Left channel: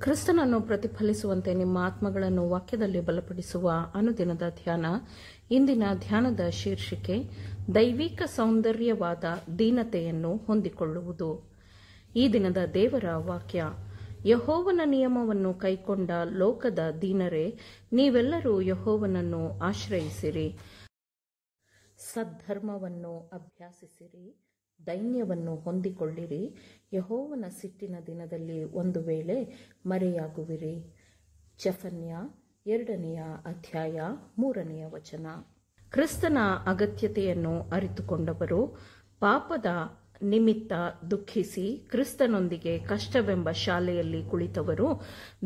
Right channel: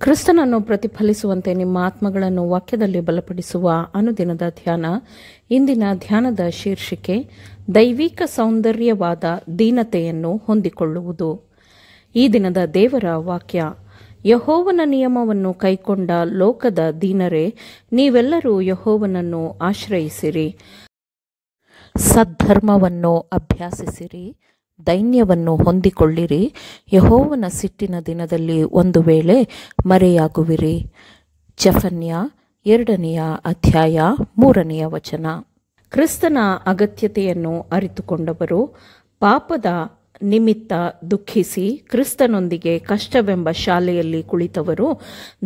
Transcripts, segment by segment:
ಕ್ರಿಸ್ತನನ್ನು ಪ್ರತಿಫಲಿಸುವಂತೆ ನಿಮ್ಮ ಆತ್ಮಗಳನ್ನು ವಾಕ್ಯದಲ್ಲಿ ಬಲಪಡಿಸುವ ಅನುದಿನದ ಧ್ಯಾನ. ಇಂದಿನ ಧ್ಯಾನದ ಶೀರ್ಷಿಕೆ ದೈವಿಕ ಸೌಂದರ್ಯವಾದ ದೀನತೆಯನ್ನು ಹೊಂದಿಕೊಳ್ಳುವುದು. ಈ ದಿನದ ದೇವರ ವಾಕ್ಯ: ಯೆಹೋವನ ನಿಯಮವನ್ನು ಕೈಕೊಂಡ ಲೋಕದ ದೀನರೇ, ನೀವೆಲ್ಲರೂ ಯೆಹೋವನನ್ನು ಆಶ್ರಯಿಸಿರಿ. ಸದ್ಧರ್ಮವನ್ನು ಅಭ್ಯಾಸಿಸಿರಿ, ದೈನ್ಯವನ್ನು ಹೊಂದಿಕೊಳ್ಳಿರಿ. ಯೆಹೋವನ ಸಿಟ್ಟಿನ ದಿನದಲ್ಲಿ ಒಂದು ವೇಳೆ ಮರೆಯಾಗುವಿರಿ. ಜೆಫನ್ಯ 2ನೇ ಅಧ್ಯಾಯ 3ನೇ ವಚನ. ಕ್ರಿಸ್ತನ ಅಗತ್ಯತೆಯನ್ನು ಅರಿತುಕೊಂಡವರು, ಪಾಪದ ನಿಮಿತ್ತ ದುಃಖಿಸಿ ಕ್ರಿಸ್ತನೊಂದಿಗೆ ಕಷ್ಟವೆಂಬ ಶಾಲೆಯಲ್ಲಿ ಕುಳಿತವರು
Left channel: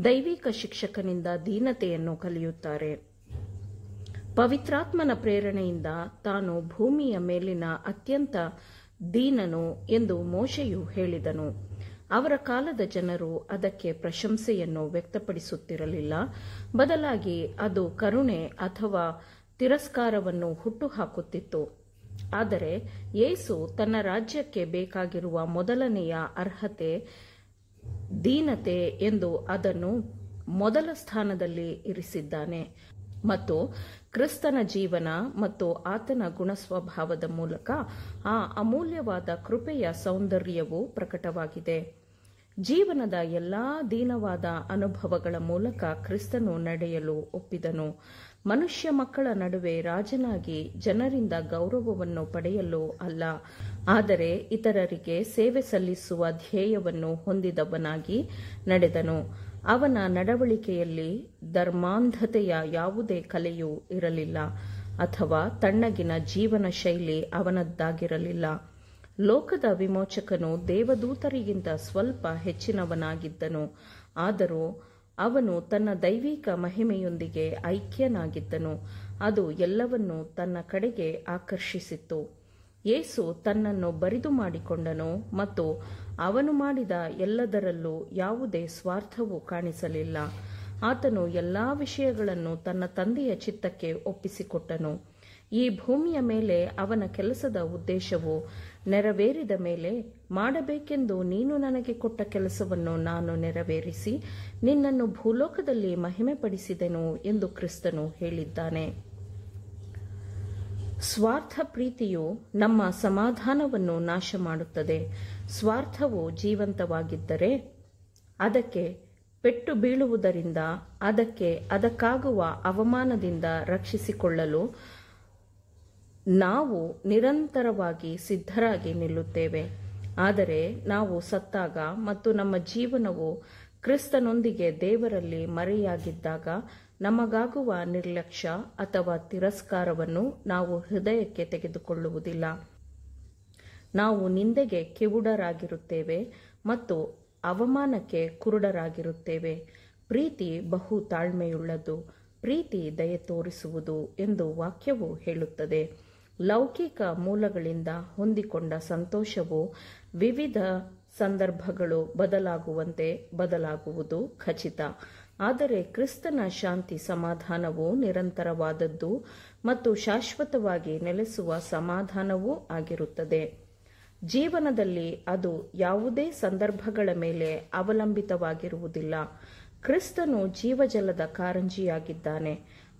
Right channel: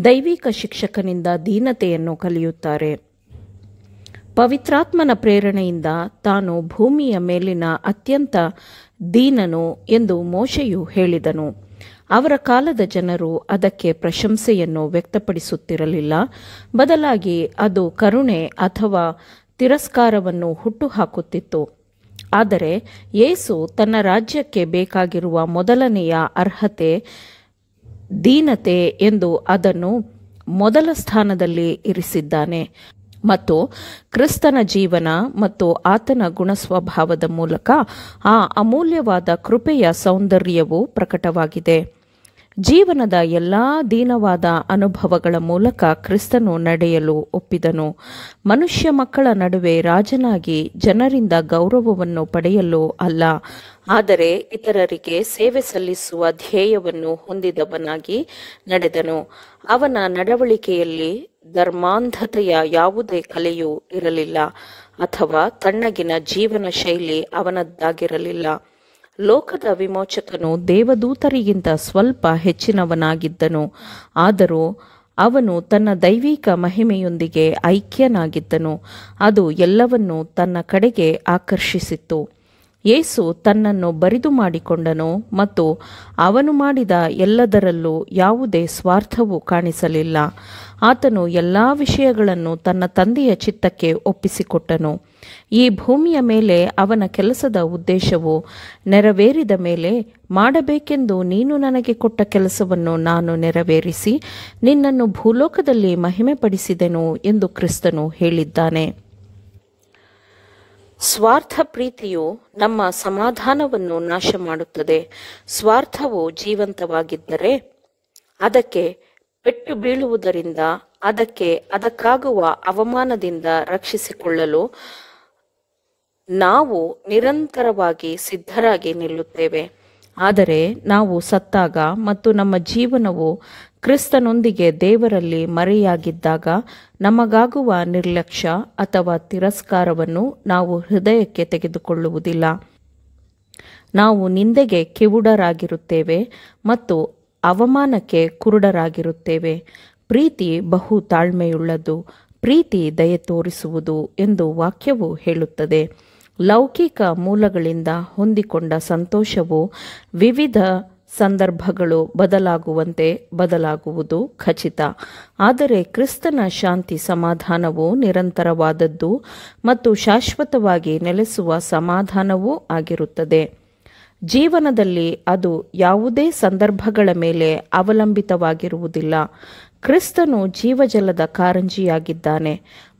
ದೈವಿಕ ಶಿಕ್ಷಕನಿಂದ ದೀನತೆಯನ್ನು ಕಲಿಯುತ್ತಾರೆ. ಪವಿತ್ರಾತ್ಮನ ಪ್ರೇರಣೆಯಿಂದ ತಾನು ಭೂಮಿಯ ಮೇಲಿನ ಅತ್ಯಂತ ದೀನನು ಎಂದು ಮೋಶೆಯು ಹೇಳಿದನು. ಅವರ ಕಾಲದ ಜನರು ಅದಕ್ಕೆ ಪ್ರಶಂಸೆಯನ್ನು ವ್ಯಕ್ತಪಡಿಸುತ್ತಿರಲಿಲ್ಲ. ಬದಲಾಗಿ ಅದು ಕರುಣೆ ಅಥವಾ ತಿರಸ್ಕಾರವನ್ನು ಹುಟ್ಟುಹಾಕುತ್ತಿತ್ತು. ಆದರೆ ಯೇಸು ತನ್ನ ರಾಜ್ಯಕ್ಕೆ ಬೇಕಾಗಿರುವ ಮೊದಲನೆಯ ಅರ್ಹತೆ ದೀನತೆ ಎಂದು ಅದನ್ನು ಮೊದಲ ಸ್ಥಾನದಲ್ಲಿ ಇರಿಸಿದ್ದಾನೆ ಮತ್ತು ಕ್ರಿಸ್ತನ ಜೀವನ ಮತ್ತು ಆತನ ಗುಣಸ್ವಭಾವದ ಮೂಲಕ ಆ ಅಮೂಲ್ಯವಾದ ಕೃಪೆಯ ಸೌಂದರ್ಯವು ಪ್ರಕಟವಾಗಿದೆ. ಜೀವನದ ಎಲ್ಲ ದೀನವಾದ ಅನುಭವಗಳ ಮೂಲಕ ಕ್ರಿಸ್ತನು ನಡೆಯಲು ಒಪ್ಪಿದನು. ಮನುಷ್ಯ ಮಕ್ಕಳ ನಡುವೆ ರಾಜನಾಗಿ ಜನರಿಂದ ಗೌರವವನ್ನು ಪಡೆಯಲು ಅಲ್ಲ, ಆದರೆ ಇತರರಿಗೆ ಸೇವೆ ಸಲ್ಲಿಸುವ ಧ್ಯೇಯವನ್ನು ಹೊಂದಿದವನಾಗಿ ನಡೆದನು. ಅವನ ನಡವಳಿಕೆಯಲ್ಲಿ ಧರ್ಮಾಂಧತೆಯ ಯಾವುದೇ ಕಲೆಯೂ ಇರಲಿಲ್ಲ ಅಥವಾ ತಣ್ಣಗಿನ ಜೀವನ ಶೈಲಿ ಅವನದ್ದಾಗಿರಲಿಲ್ಲ. ಲೋಕದ ವಿಮೋಚಕನು ದೇವದೂತರಿಗಿಂತ ಸ್ವಲ್ಪ ಹೆಚ್ಚಿನವನಾಗಿದ್ದನು, ಆದರೂ ಅವನು ತನ್ನ ದೈವಿಕ ಮಹಿಮೆಯೊಂದಿಗೆ ಐಕ್ಯನಾಗಿದ್ದನು. ಅದು ಎಲ್ಲವನ್ನೂ ತನ್ನ ಕಡೆಗೆ ಆಕರ್ಷಿಸಿತ್ತು. ಯೇಸು ತನ್ನನ್ನು ಬರಿದು ಮಾಡಿಕೊಂಡನು ಮತ್ತು ಅವನು ಮಾಡಿದ ಎಲ್ಲದರಲ್ಲೂ ಯಾವುದೇ ಸ್ವಾರ್ಥವೂ ಕಾಣಿಸಲಿಲ್ಲ. ಆತನು ಎಲ್ಲ ವಿಷಯಗಳನ್ನು ತನ್ನ ತಂದೆಯ ಚಿತ್ತಕ್ಕೆ ಒಪ್ಪಿಸಿಕೊಟ್ಟನು. ಈ ಭೂಮಿಯ ಮೇಲೆ ಅವನ ಕೆಲಸದ ಉದ್ದೇಶವು ನೆರವೇರಿದ ಮೇಲೆ, ಮಾಡಬೇಕೆಂದು ನೀನು ನನಗೆ ಕೊಟ್ಟ ಕೆಲಸವನ್ನು ನಾನು ನೆರವೇರಿಸಿ ನಿನ್ನನ್ನು ಭೂಲೋಕದಲ್ಲಿ ಮಹಿಮೆಪಡಿಸಿದೆನು ಎಂದು ಕ್ರಿಸ್ತನು ಹೇಳಿದ್ದಾನೆ. ಸ್ವಾರ್ಥ ಪ್ರೀತಿಯು ನಮ್ಮ ಸಮಾಧಾನವನ್ನು ನಾಶ ಮಾಡುತ್ತದೆ. ಸ್ವಾರ್ಥವು ಜೀವಂತವಾಗಿದ್ದರೆ ಅದಕ್ಕೆ ಪೆಟ್ಟು ಬೀಳುವುದರಿಂದ ಅದಕ್ಕಾಗುವ ಅವಮಾನದಿಂದ ರಕ್ಷಿಸಿಕೊಳ್ಳಲು ನಾವು ನಿರಂತರವಾಗಿ ಸಿದ್ಧರಾಗಿ ನಿಲ್ಲುತ್ತೇವೆ. ಆದರೆ ನಾವು ಸತ್ತಾಗ ಮತ್ತು ನಮ್ಮ ಜೀವನವು ಕ್ರಿಸ್ತನೊಂದಿಗೆ ದೇವರಲ್ಲಿ ಮರೆಯಾಗಿದ್ದಾಗ ನಮಗಾಗುವ ನಿರ್ಲಕ್ಷ್ಯ ಅಥವಾ ತಿರಸ್ಕಾರವನ್ನು ನಾವು ಹೃದಯಕ್ಕೆ ತೆಗೆದುಕೊಳ್ಳುವುದಿಲ್ಲ. ನಾವು ನಿಂದೆಗೆ ಕಿವುಡರಾಗಿರುತ್ತೇವೆ ಮತ್ತು ಅವಮಾನಕ್ಕೆ ಕುರುಡರಾಗಿರುತ್ತೇವೆ. ಪ್ರೀತಿ ಬಹು ತಾಳ್ಮೆಯುಳ್ಳದು, ಪ್ರೀತಿ ದಯೆ ತೋರಿಸುವುದು ಎಂದು ವಾಕ್ಯವು ಹೇಳುತ್ತದೆ. ಲೌಕಿಕ ಮೂಲಗಳಿಂದ ಹೊಂದಿಕೊಂಡ ಸಂತೋಷವು ವಿವಿಧ ಸಂದರ್ಭಗಳು ಬದಲಾಗುವಂತೆ ಬದಲಾಗುವುದು ಖಚಿತ. ಆದರೆ ಕ್ರಿಸ್ತನ ಶಾಂತಿ ಸಮಾಧಾನವು ನಿರಂತರವಾದದ್ದು ಮತ್ತು ಶಾಶ್ವತವಾಗಿ ನೆಲೆಸುವ ಸಮಾಧಾನವೂ ಆಗಿರುತ್ತದೆ. ಜೀವನದಲ್ಲಿ ಅದು ಯಾವುದೇ ಸಂದರ್ಭಗಳ ಮೇಲೆ ಅವಲಂಬಿತವಾಗಿರುವುದಿಲ್ಲ. ಕ್ರಿಸ್ತನು ಜೀವಜಲದ ಕಾರಂಜಿಯಾಗಿದ್ದಾನೆ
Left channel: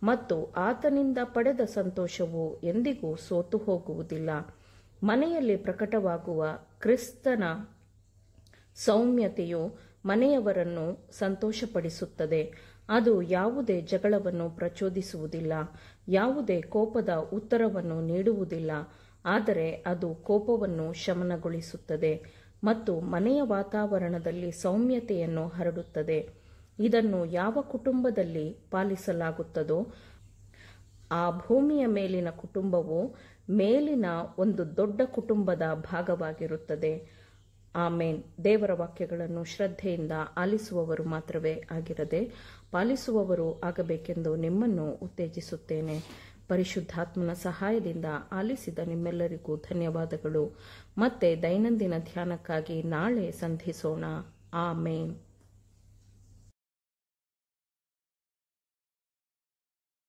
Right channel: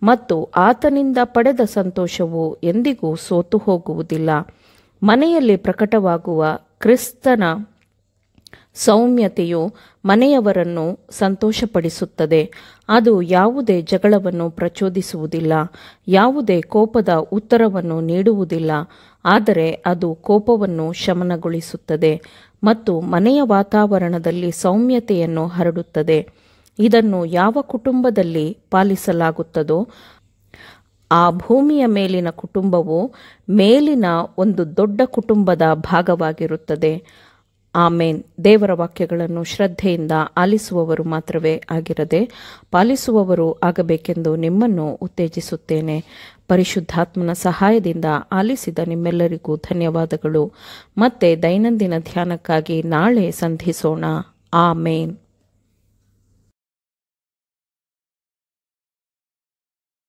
ಮತ್ತು ಆತನಿಂದ ಪಡೆದ ಸಂತೋಷವು ಎಂದಿಗೂ ಸೋತು ಹೋಗುವುದಿಲ್ಲ. ಮನೆಯಲ್ಲಿ ಪ್ರಕಟವಾಗುವ ಕ್ರಿಸ್ತನ ಸೌಮ್ಯತೆಯು ಮನೆಯವರನ್ನು ಸಂತೋಷಪಡಿಸುತ್ತದೆ. ಅದು ಯಾವುದೇ ಜಗಳವನ್ನು ಪ್ರಚೋದಿಸುವುದಿಲ್ಲ, ಯಾವುದೇ ಕೋಪದ ಉತ್ತರವನ್ನು ನೀಡುವುದಿಲ್ಲ, ಆದರೆ ಅದು ಕೋಪವನ್ನು ಶಮನಗೊಳಿಸುತ್ತದೆ ಮತ್ತು ಮನೆಯ ವಾತಾವರಣದಲ್ಲಿ ಸೌಮ್ಯತೆಯನ್ನು ಹರಡುತ್ತದೆ. ಇದನ್ನು ಯಾವ ಕುಟುಂಬದಲ್ಲಿ ಪಾಲಿಸಲಾಗುತ್ತದೋ ಆ ಭೂಮಿಯ ಮೇಲಿನ ಕುಟುಂಬವು ಮೇಲಿನ ಒಂದು ದೊಡ್ಡ ಕುಟುಂಬದ ಭಾಗವಾಗಿರುತ್ತದೆ. ಆಮೇನ್. ದೇವರ ವಾಕ್ಯಗಳನ್ನು ಶ್ರದ್ಧೆಯಿಂದ ಆಲಿಸುವವರು ಮಾತ್ರವೇ ಆಗಿರದೆ ಪಾಲಿಸುವವರು ಆಗಬೇಕೆಂದು ನಿಮ್ಮನ್ನು ಉತ್ತೇಜಿಸುತ್ತೇನೆ. ಪರಿಶುದ್ಧಾತ್ಮನ ಸಹಾಯದಿಂದ ಆಲಿಸಿದ ನಿಮ್ಮೆಲ್ಲರಿಗೂ ಧನ್ಯವಾದಗಳು. ಮತ್ತೆ ದೈನಂದಿನ ಧ್ಯಾನಕ್ಕಾಗಿ ನಾಳೆ ಸಂಧಿಸೋಣ. ಆಮೇನ್.